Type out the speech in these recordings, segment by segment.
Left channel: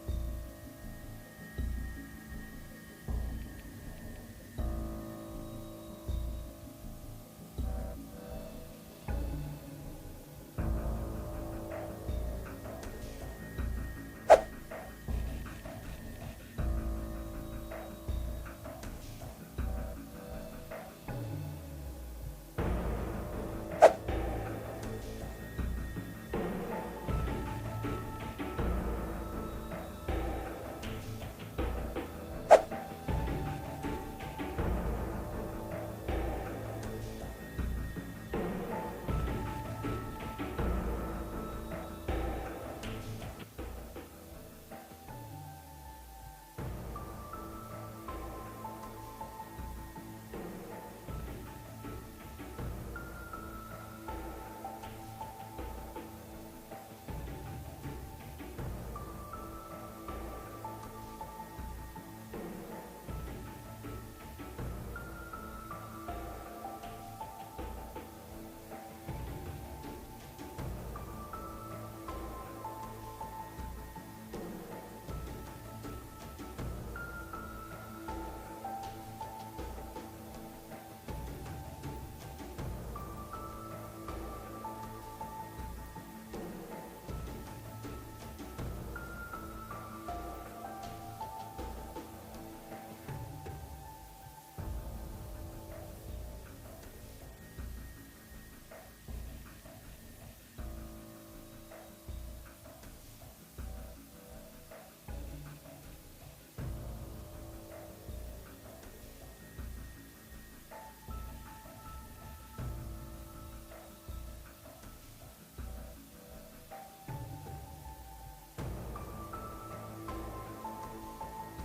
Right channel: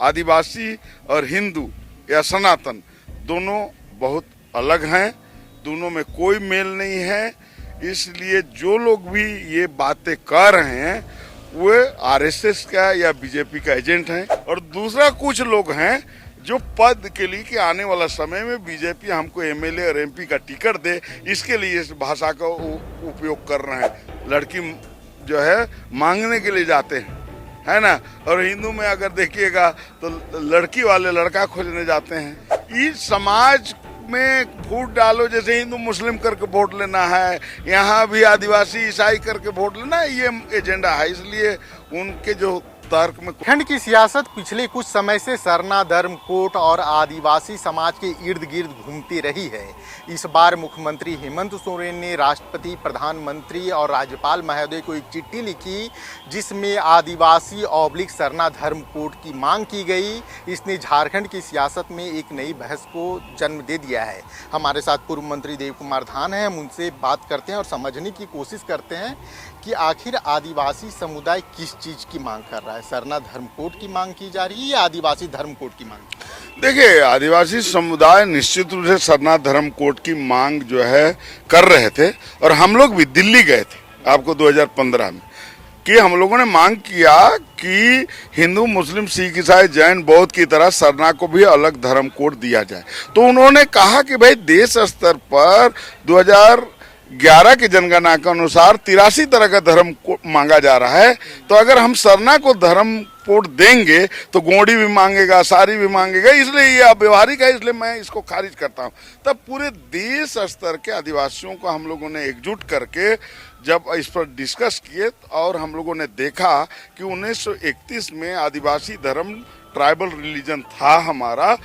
आदिवासी और हिंदू या सनातन दोनों बहुत अलग हैं, दोनों में कोई मेल नहीं है। इसलिए जो लोग भी ये बातें कर रहे हैं वो आरएसएस का या बीजेपी का एजेंट हैं, और दूसरा कुछ लोग हैं जो पद के लिए कि आने वाला समय में बीजेपी हमको एमएलए और एमपी का टिकट दे, इसके लिए इस भाषा का उपयोग कर रहे हैं। लड़की जो है मांगने के लिए जाते हैं, है ना, और हिंदू में अगर देखिएगा तो लड़की वाले लड़का खोजने जाते हैं। इस समाज में फूट डालो, जैसे हिंदू मुस्लिम करके वोट लेना है, यहाँ भी आदिवासी ईसाई करके वोट लेना है, ये एजेंडा है। इसलिए उनके जो तर्क में खंड की सियासत पिछले कुछ समय से सरना, धर्म, कोट और आदिवासी समाज के इर्द गिर्द घूमती रही है। इस बार मुख्यमंत्री हेमंत सोरेन ने राष्ट्रपति, प्रधानमंत्री और राज्यपाल महोदय को एक चिट्ठी लिखी जिसमें आदिवासी ऑब्लिक सरना धर्म कोड की मांग की गई। इसने झारखंड की सियासत में एक नई बहस को जन्म दे दिया है। हमारे साथ पूर्व मंत्री देव कुमार धान हैं, हम उनसे बात करते हैं और समझने की कोशिश करते हैं कि आखिर आदिवासी समुदाय किस चीज़ की मांग कर रहा है। सरना धर्म कोड की मांग की जा रही है या आदिवासी धर्म कोड की मांग? देखिए, आदिवासी समुदाय निश्चित रूप से सरना धर्म कोड की मांग जो है कर रहे थे, और हम लोग भी दिल्ली गए थे आपको 2015 में, कि हम लोगों ने मांग किया कि हिंदू, मुस्लिम, सिख, ईसाई, जैन, बौद्ध की तरह सरना को भी अलग धर्म कोड दिया जाए। तो उन्होंने कहा कि भाई देश स्तर पर 2011 की जनगणना के अनुसार 83 तरह का धर्म कोड मांगा जा रहा है, तो अगर हम सरना को धर्म कोड देंगे तो गोंडी भी मांगेगा, सारी भी मांगेगा, इसलिए ये अव्यवहारिक है, इसलिए मैं इसको खारिज करता हूँ। तब पूरे देश स्तर के आदिवासियों को हम लोगों ने एकजुट करके जब इस पर डिस्कस किए, और हम लोगों ने देखा कि 1931 में आदिवासी धर्म ट्राइबल रिलीजन था हमारा,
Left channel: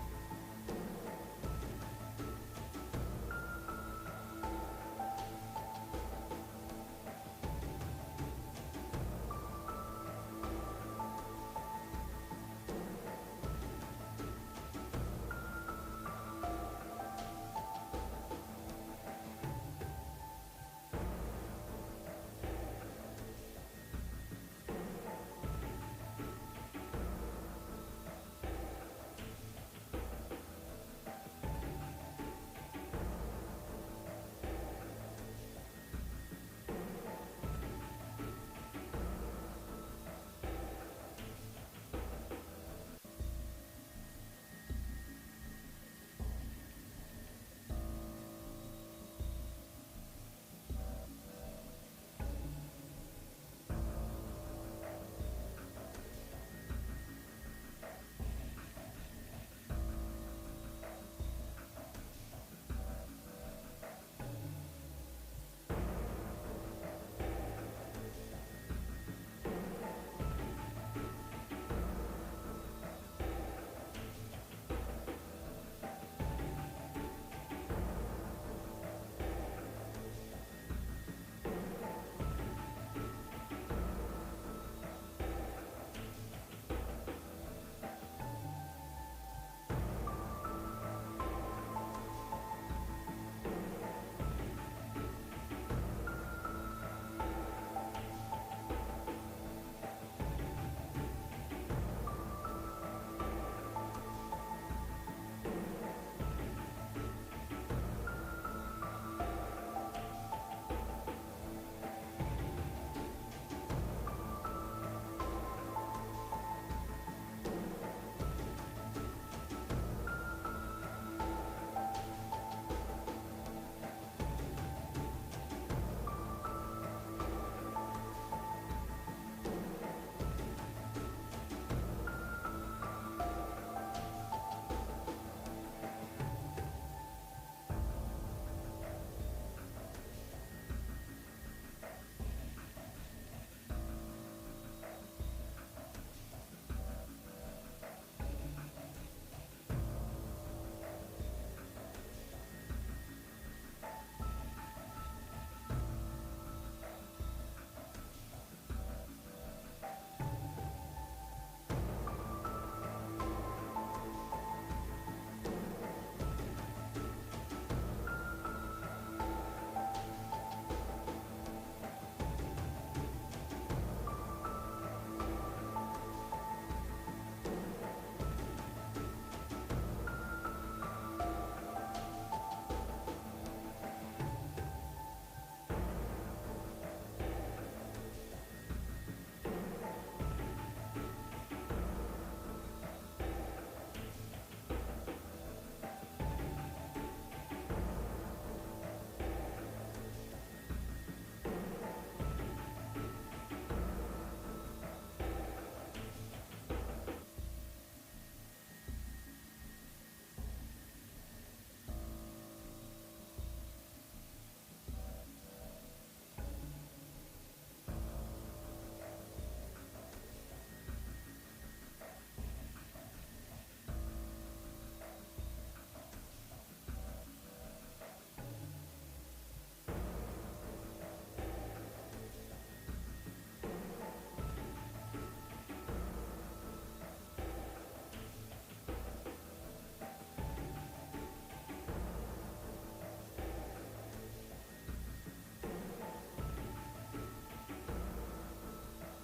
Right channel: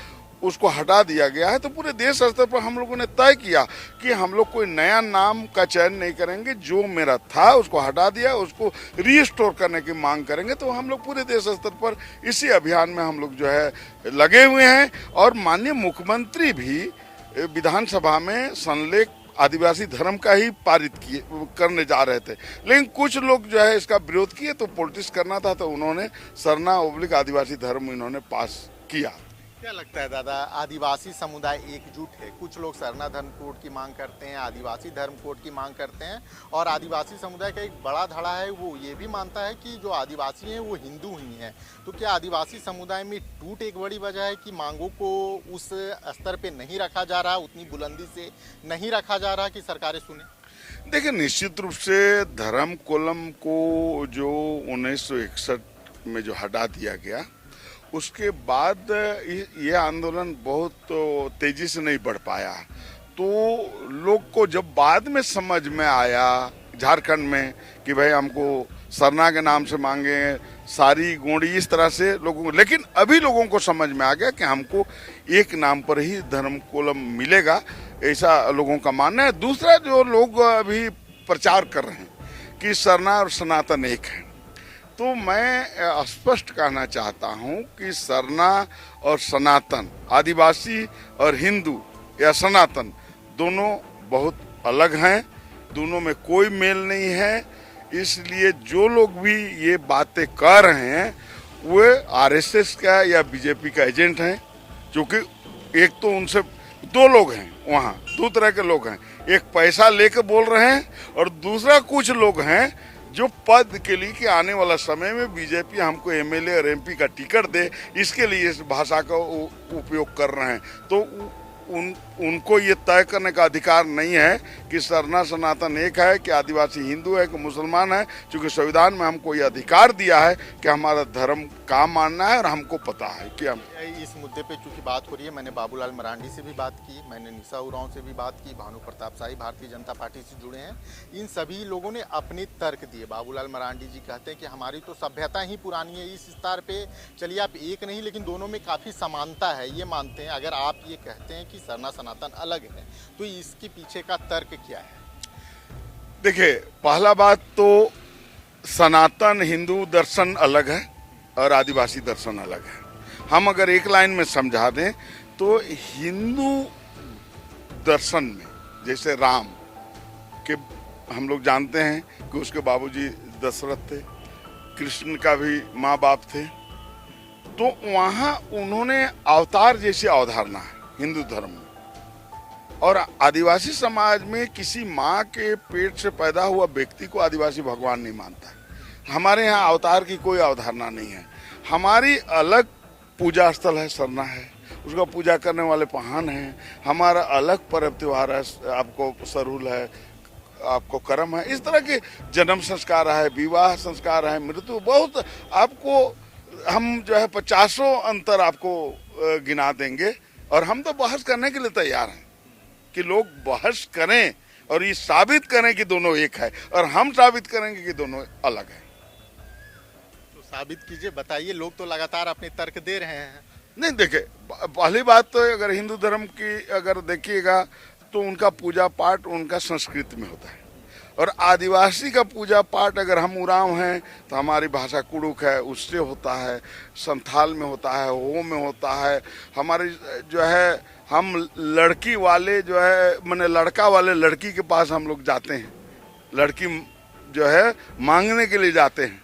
उसको हटा दिया गया है। तो पूरे देश स्तर पर हम लोगों ने तय किया कि हम लोग कोई नया नाम का चयन नहीं करेंगे, जो मेरा था उसको हटा दिया, उसको रीस्टोर करने की मांग करेंगे। तो हम लोग पूरे देश स्तर पर इसी अभियान में हम लोग जो है लगे हुए हैं, और माननीय मुख्यमंत्री भी विधानसभा में संलेख आदिवासी धर्म का ही पारित करने जा रहे थे, लेकिन कुछ लोग जो है इसका विरोध किए, तो पॉलिटिक्स करना था, तो उन्होंने सरना ओब्लिक आदिवासी धर्म इन्होंने पास किया। क्या लगता है दादा, आदिवासी समुदाय एकजुट है? कुछ लोग सरना धर्म कोड की मांग करते हैं, आदिवासी धर्म कोड की मांग करते हैं, और आदिवासी समुदाय का एक बड़ा धड़ा है वो ये भी मानता है कि जो आदिवासी हैं वो हिंदू ही हैं। तो क्या आदिवासी समुदाय में टूट एक बड़ी वजह है कि मांगों को उस स्तर पे नहीं रखा जा रहा, उतनी बुलंदी से नहीं रखा जा रहा कि सरकारें सुने? देखिए, निश्चित रूप से धर्म कोलम को जो 1961 में जो हटा दिया गया, उसके बाद ये आंदोलन बहुत तेजी से नहीं बढ़ पाया। तो लोग को जब बाद में समझ में आया झारखंड में कि भाई हमको सरना के नाम से मांगे, सारी गोंडी, इस तरह से लोगों को, लेकिन अभी लोगों को समझ में आ गया कि हमको एक नाम पर ही धर्म कोलम मिलेगा, ऐसा लोगों का मानना है। दूसरा, जो लोग अभी प्रचार कर रहे हैं कि सरना और सनातन एक है, तो मैं स्पष्ट कहना चाहता हूं कि सरना और सनातन, आदिवासी और हिंदू या सनातन दोनों बहुत अलग हैं, दोनों में कोई मेल नहीं है। इसलिए जो लोग भी ये बातें कर रहे हैं वो आरएसएस का या बीजेपी का एजेंट हैं, क्योंकि एक तो उनसे दो लोग हैं वहाँ, दो तरह के लोग हैं, एक पैसा लेकर बोल रहे हैं, और दूसरा कुछ लोग हैं जो पद के लिए कि आने वाला समय में बीजेपी हमको एमएलए और एमपी का टिकट दे, इसके लिए इस भाषा का उपयोग कर रहे हैं। तो उनको ये तय करने का अधिकार नहीं है कि सरना सनातन एक है, कि आदिवासी हिंदू है, कि मुसलमान है, क्योंकि संविधान में हमको ये अधिकार दिया है कि हमारा धर्म का मानना है, और हमको पता है कि हम इस मुद्दे पे चूंकि बात हो रही है, मैंने बाबूलाल मरांडी से भी बात की, मैंने निशा उरांव से भी बात की, भानु प्रताप शाही भारतीय जनता पार्टी से जुड़े हैं। इन सभी लोगों ने अपने तर्क दिए। बाबूलाल मरांडी जी कहते हैं कि हमारी तो सभ्यता ही पुरानी है, इस स्तर पे चलिए आप एक नहीं लेकिन दोनों में काफ़ी समानता है, ये मानते हैं। अगर आप ये कहते हैं कि सरना सनातन अलग है, तो इसके पीछे का तर्क क्या है? देखिए, पहला बात तो सनातन हिंदू दर्शन अलग है और आदिवासी दर्शन अलग है। हम अगर एक लाइन में समझा दें तो हिंदू दर्शन में जैसे राम के हम लोग जानते हैं कि उसके बाबूजी दशरथ थे, कृष्ण का भी माँ बाप थे, तो वहाँ उन्होंने अवतार जैसी अवधारणा है हिंदू धर्म में। और आदिवासी समाज में किसी माँ के पेट से पैदा हुआ व्यक्ति को आदिवासी भगवान नहीं मानता। हमारे यहाँ अवतार की कोई अवधारणा नहीं है। हमारी अलग पूजा स्थल है, सरना है, उसका पूजा करने वाले पहान हैं। हमारा अलग पर्व त्योहार है, आपको सरुल है, आपको करम है। इस तरह के जन्म संस्कार है, विवाह संस्कार है, मृत्यु, बहुत आपको हम जो है 50 अंतर आपको गिना देंगे। और हम तो बहस करने के लिए तैयार हैं कि लोग बहस करें और ये साबित करें कि दोनों एक है, और हम साबित करेंगे कि दोनों अलग है। तो साबित कीजिए, बताइए। लोग तो लगातार अपने तर्क दे रहे हैं। नहीं, देखिए, पहली बात तो अगर हिंदू धर्म की अगर देखिएगा तो उनका पूजा पाठ उनका संस्कृत में होता है। और आदिवासी का पूजा पाठ अगर हम उरांव हैं तो हमारी भाषा कुड़ुक है, उससे होता है, संथाल में होता है, हो में होता है। हमारी जो है, हम लड़की वाले जो है, माने लड़का वाले लड़की के पास हम लोग जाते हैं, लड़की जो है मांगने के लिए जाते हैं,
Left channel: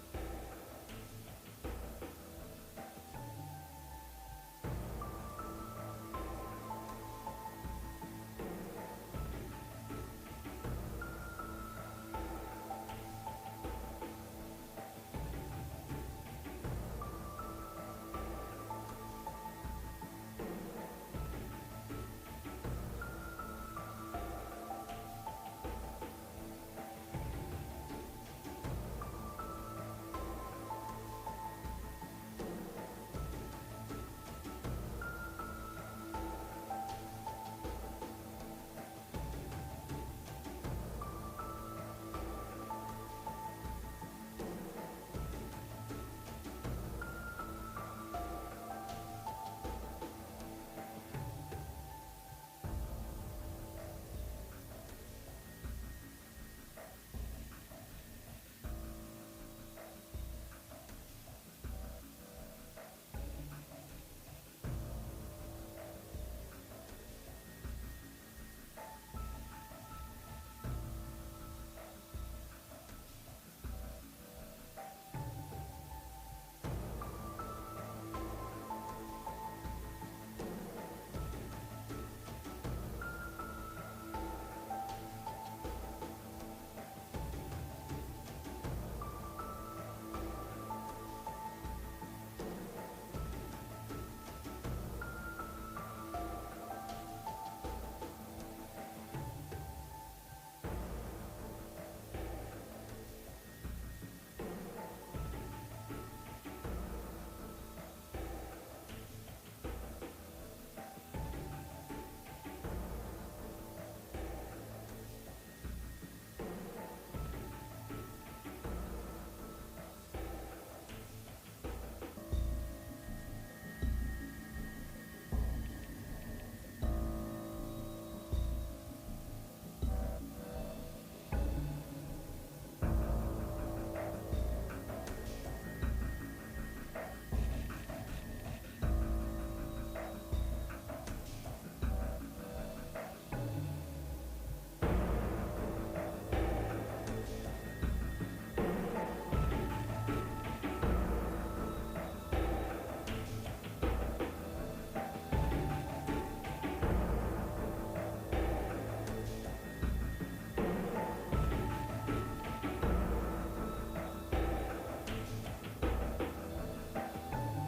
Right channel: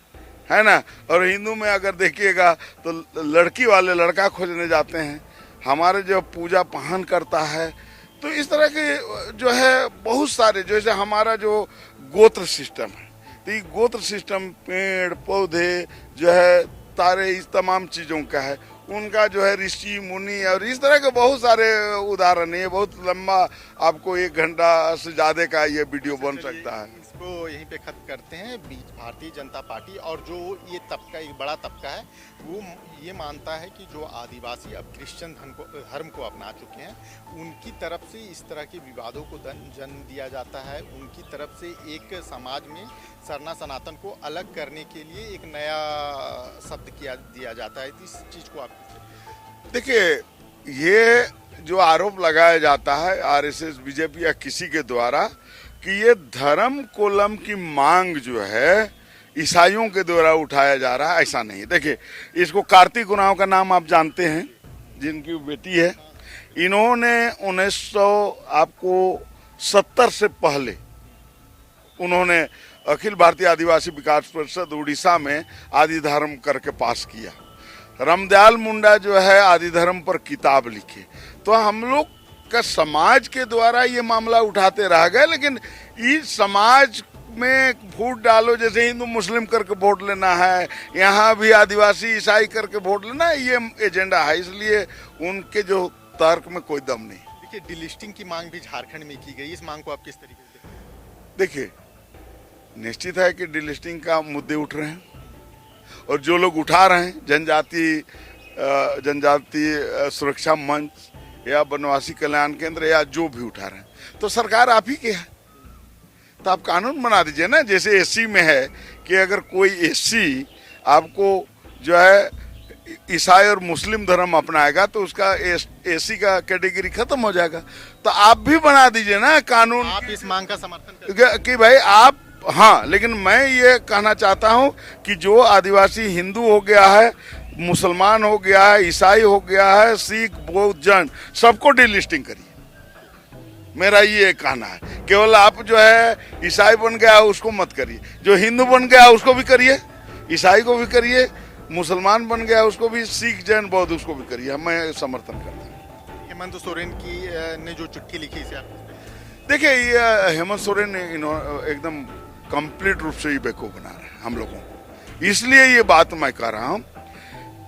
है ना। और हिंदू में अगर देखिएगा तो लड़की वाले लड़का खोजने जाते हैं। हमारे जो पूजा पहन करता है, तो इस तरह के जो है बहुत सारे, जैसे हमारा जो गोत्र सिस्टम है, तो ये गोत्र सिस्टम पेड़ पौधे जो है, तारे, इस तमाम चीज़ों का है। उनका जो है ऋषि मुनि और इस तरह के बहुत सारे उदाहरण है। बहुत लंबा, आपको 1 घंटा से ज़्यादा का ये वीडियो बन सकता है। इसको यहीं पे खत्म करते हैं। भारतीय जनता पार्टी और जो ये तबका, एक बड़ा तबका है, वो ये मानता है कि जो आदिवासी अब क्रिश्चियन धर्म को अपना चुके हैं, उनकी तरफ से इस तरह के विवादों को जन्म दिया जाता है। उनकी तरफ से एक समाज में सरना सनातन को अलग करने के लिए एक नया शब्द दिया जाता है। इस चीज़ को आप देखिए, ये जो आरोप लगाया जाता है आरएसएस, बीजेपी या किसी के द्वारा कि ये धर्म कोलम की मांग जो है ईसाइयों के द्वारा उठाया जा रहा है, ऐसा नहीं। देखिए, इसको कार्तिक उरांव का नाम आप जानते हैं, जिनकी बेटी है। इन्होंने 1970 से पहले उन्होंने अखिल भारतीय आदिवासी विकास परिषद उड़ीसा में आदि धर्म करके पास किया। रामदयाल मुंडा जो है आदि धर्म पर किताब लिखे। तो हम लोग का समाज के द्वारा ये मामला उठाते रह गए, लेकिन इस समाज में वोट डालो, जैसे हिंदू मुस्लिम करके वोट लेना है, यहाँ भी आदिवासी ईसाई करके वोट लेना है, ये एजेंडा है। इसलिए उनके जो तर्क में कोई दम नहीं। देखिए, डिलिस्टिंग की मांग भी झारखंड में की गई। इस मांग को आप किस तरीके से देखिए, निश्चित है कि डिलिस्टिंग का मुद्दे उठ रहे हैं, और जो लोग उठा रहे हैं, जनजाति सुरक्षा मंच या वनवासी कल्याण केंद्र या जो भी उठा रहे हैं, तो सरकार आप ही की है। तो आप कानून बना दीजिए ना। जैसे एससी में है कि अगर कोई एससी आपको जो है ईसाई और मुस्लिम धर्म अपनाएगा तो उसका एससी का कैटेगरी खत्म हो जाएगा। तो आप भी बना दीजिए ना कानून। आप इस मांग का समर्थन कि भाई आप, हाँ, लेकिन मैं ये कहना चाहता हूँ कि जो आदिवासी हिंदू हो गया है, मुसलमान हो गया है, ईसाई हो गया है, सिख, बौद्ध, जैन, सबको डिलिस्टिंग करिए। मेरा ये कहना है। केवल आप जो है ईसाई बन गया उसको मत करिए, जो हिंदू बन गया उसको भी करिए, ईसाई को भी करिए, मुसलमान बन गया उसको भी, सिख, जैन, बौद्ध उसको भी करिए। मैं समर्थन करता हूँ। हेमंत सोरेन की ने जो चिट्ठी लिखी इसे आप देखिए, ये हेमंत सोरेन ने एकदम कंप्लीट रूप से ये बेवकूफ बना रहे हैं हम लोगों को। इसलिए ये बात मैं कह रहा हूँ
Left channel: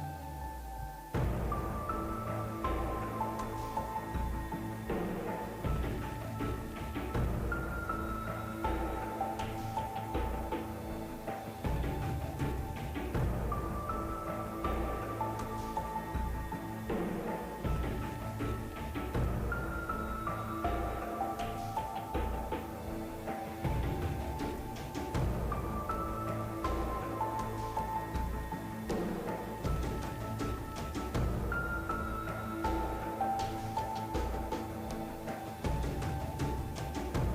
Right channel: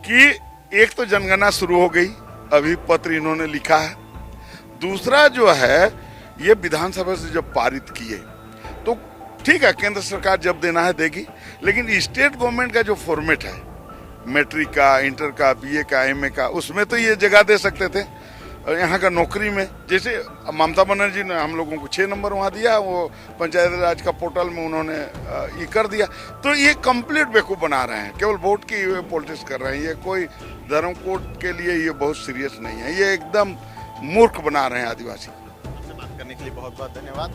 कि एक तो जनगणना शुरू हो गई, अभी पत्र इन्होंने लिखा है। दूसरा जो है, ये विधानसभा से जब पारित किए तो ठीक है, केंद्र सरकार जब देना है देगी, लेकिन स्टेट गवर्नमेंट का जो फॉर्मेट है, मैट्रिक का, इंटर का, बीए का, एमए का, उसमें तो ये जगह दे सकते थे। और यहाँ का नौकरी में, जैसे ममता बनर्जी ने हम लोगों को 6 नंबर वहाँ दिया, वो पंचायत राज का पोर्टल में उन्होंने ये कर दिया। तो ये कंप्लीट बेवकूफ़ बना रहे हैं, केवल वोट की पॉलिटिक्स कर रहे हैं। ये कोई धर्म कोड के लिए ये बहुत सीरियस नहीं है, ये एकदम मूर्ख बना रहे हैं आदिवासी। बात करने के लिए बहुत बहुत धन्यवाद।